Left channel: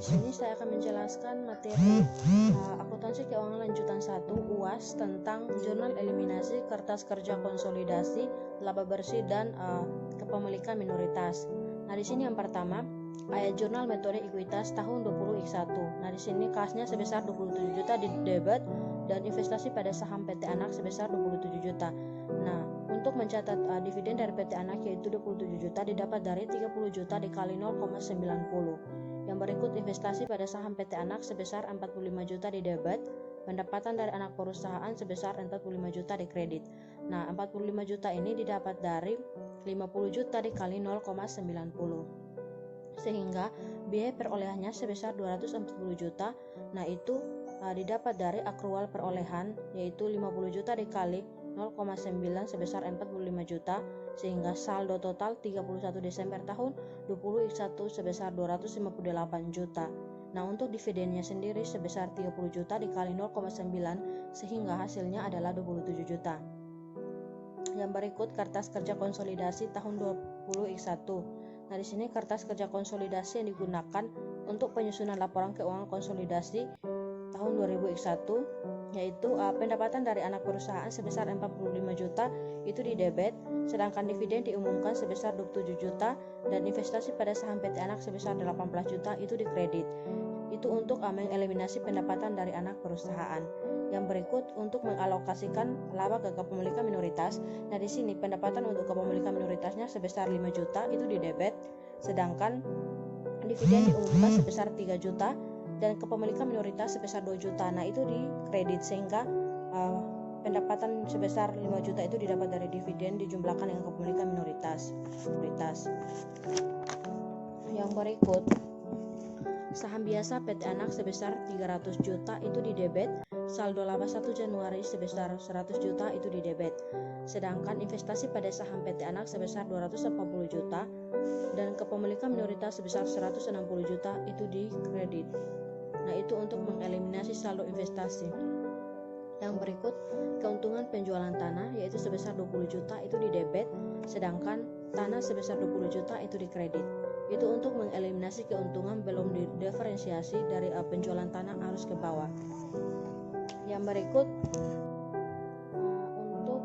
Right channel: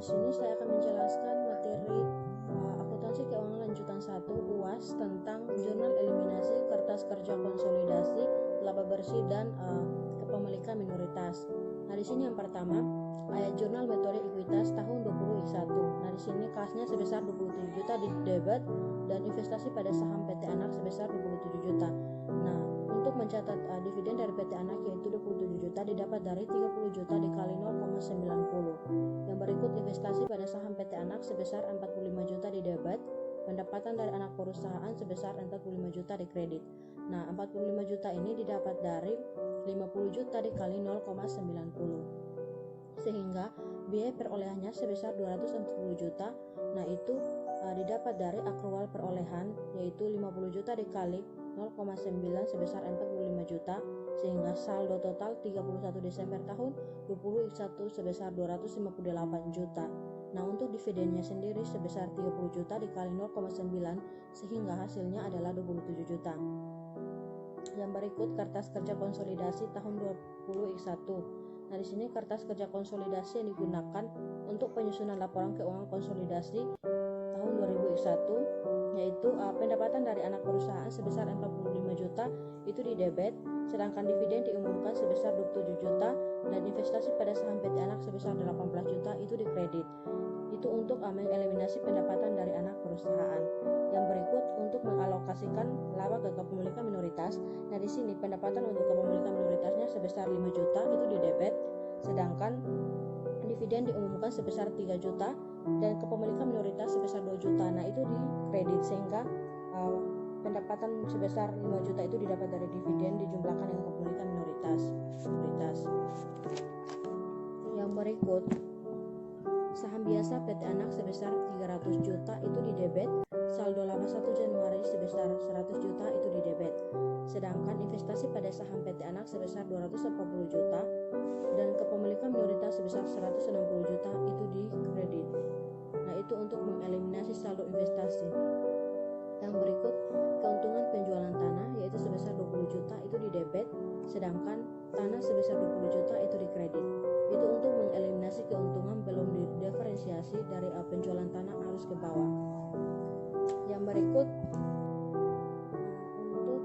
Di sini saya akan menjelaskan materi akuntansi keuangan lanjutan 1 UAS tentang jurnal eliminasi, kertas kerja konsolidasi, laba bersih dan kepemilikan minoritas. Nah, di sini yang pertama, ayat jurnal metode ekuitas tahun 20X1. Nah, di sini kasnya sebesar 27 juta di debit dan investasi pada saham PT Anak sebesar 27 juta. Nah, untuk mencatat dividen dari PT Anak yaitu 27 juta didapat dari 30 juta dikali 0,90. Yang berikut investasi pada saham PT Anak sebesar 45 juta di debit, pendapatan dari anak perusahaan sebesar 45 juta di kredit. Nah, 45 juta ini didapat dari 50 juta dikali 0,90. Sehingga biaya perolehannya sebesar 240 juta. Nah, itu didapat dari akrual perolehan yaitu 50 juta dikali 0,9 sebesar 45 juta, sehingga saldo total 31 Desember tahun 20X1 sebesar 258 juta. Nah, untuk dividennya sendiri sebesar 30 juta dikali 0,9 sehingga hasilnya adalah 27 juta. Yang berikut kertas kerja konsolidasi tahun 20X1. Nah, di sini kertas kerja konsolidasi yang digunakan untuk penyusunan laporan keuangan konsolidasi tahun 2001 yaitu pendapatan dari anak perusahaan sebesar 45 juta itu di debit, sedangkan dividen diumumkan sebesar 27 juta dan investasi pada saham PT Anak sebesar 18 juta itu di kredit. Itu untuk mengeliminasi pendapatan dari anak perusahaan. Yang berikut untuk mengalokasikan laba ke kepemilikan minoritas. Nah, di sini pendapatan untuk kepemilikan minoritasnya sebesar 5 juta itu di debit, sedangkan dividen diumumkan sebesar 3 juta dan kepemilikan minoritas sebesar 2 juta. Nah, itu di kredit sehingga pendapatan sebesar 5 juta itu didapat dari dividen dijumlahkan dengan kepemilikan minoritas. Yang berikut saham biasa PT Anak sebesar 300 juta itu di debit, saldo laba 1 Januari sebesar 100 juta itu di debit. Sedangkan investasi pada saham PT Anak sebesar 240 juta dan kepemilikan minoritas sebesar 160 juta itu di kredit. Nah, itu untuk mengeliminasi saldo investasi. Yang berikut keuntungan penjualan tanah yaitu sebesar 20 juta itu di debit, sedangkan tanah sebesar 20 juta itu di kredit. Itu untuk mengeliminasi keuntungan belum didiferensiasi dari penjualan tanah arus ke bawah. Yang berikut untuk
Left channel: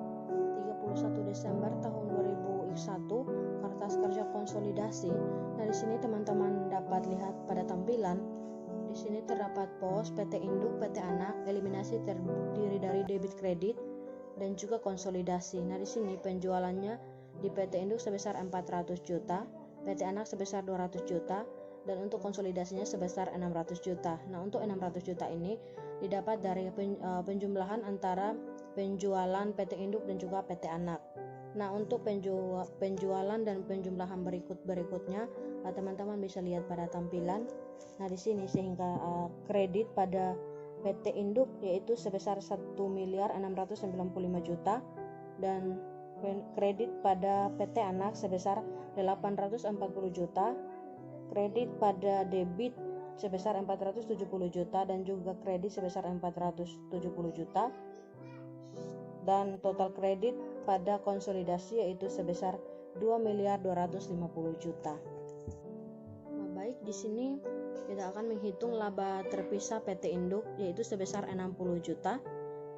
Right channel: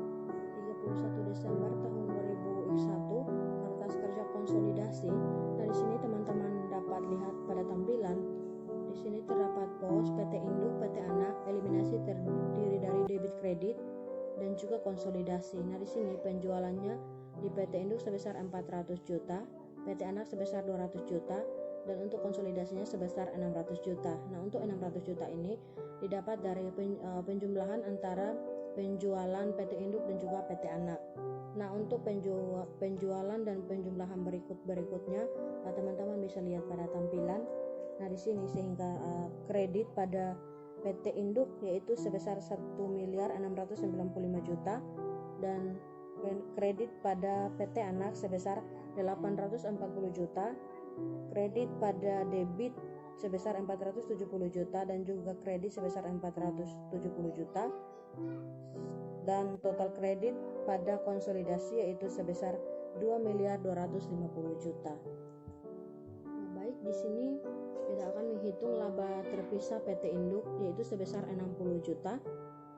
31 Desember tahun 2001 kertas kerja konsolidasi. Nah, di sini teman-teman dapat lihat pada tampilan. Di sini terdapat pos PT Induk, PT Anak, eliminasi terdiri dari debit kredit dan juga konsolidasi. Nah, di sini penjualannya di PT Induk sebesar 400 juta, PT Anak sebesar 200 juta dan untuk konsolidasinya sebesar 600 juta. Nah, untuk 600 juta ini didapat dari penjumlahan antara penjualan PT Induk dan juga PT Anak. Nah, untuk penjualan dan penjumlahan berikutnya teman-teman bisa lihat pada tampilan. Nah, di sini sehingga kredit pada PT Induk yaitu sebesar 1.695 juta dan kredit pada PT Anak sebesar 840 juta, kredit pada debit sebesar 470 juta dan juga kredit sebesar 470 juta dan total kredit pada konsolidasi yaitu sebesar 2.250 juta. Nah, baik, di sini kita akan menghitung laba terpisah PT Induk yaitu sebesar 60 juta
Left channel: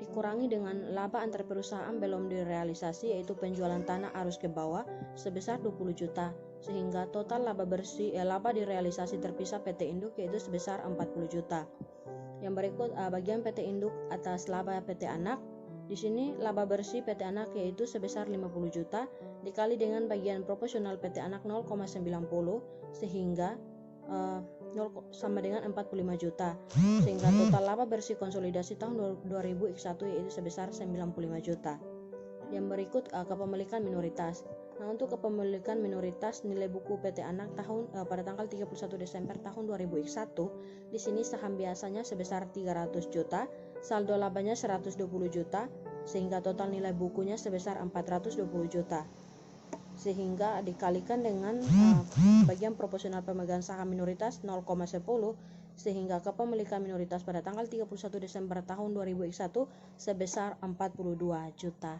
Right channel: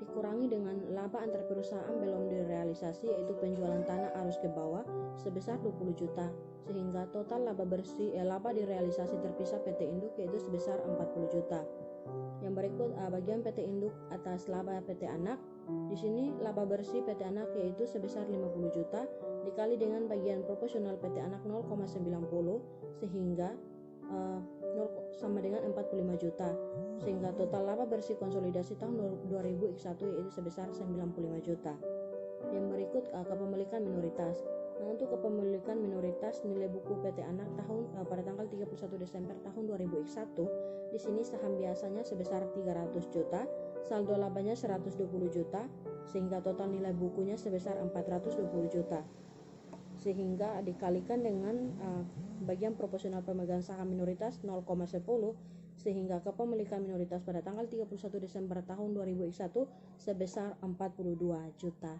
dikurangi dengan laba antar perusahaan belum direalisasi yaitu penjualan tanah arus ke bawah sebesar 20 juta sehingga total laba bersih laba direalisasi terpisah PT Induk yaitu sebesar 40 juta. Yang berikut bagian PT Induk atas laba PT Anak. Di sini laba bersih PT Anak yaitu sebesar 50 juta dikali dengan bagian proporsional PT Anak 0,90 sehingga sama dengan 45 juta sehingga total laba bersih konsolidasi tahun 2001 yaitu sebesar 95 juta. Yang berikut kepemilikan minoritas. Nah, untuk kepemilikan minoritas nilai buku PT Anak pada tanggal 31 Desember tahun 2001 di sini saham biasanya sebesar 300 juta, saldo labanya 120 juta sehingga total nilai bukunya sebesar 420 juta. Sehingga dikalikan dengan bagian proporsional pemegang saham minoritas 0,10 sehingga kepemilikan minoritas pada tanggal 31 Desember tahun 2001 sebesar 42 juta.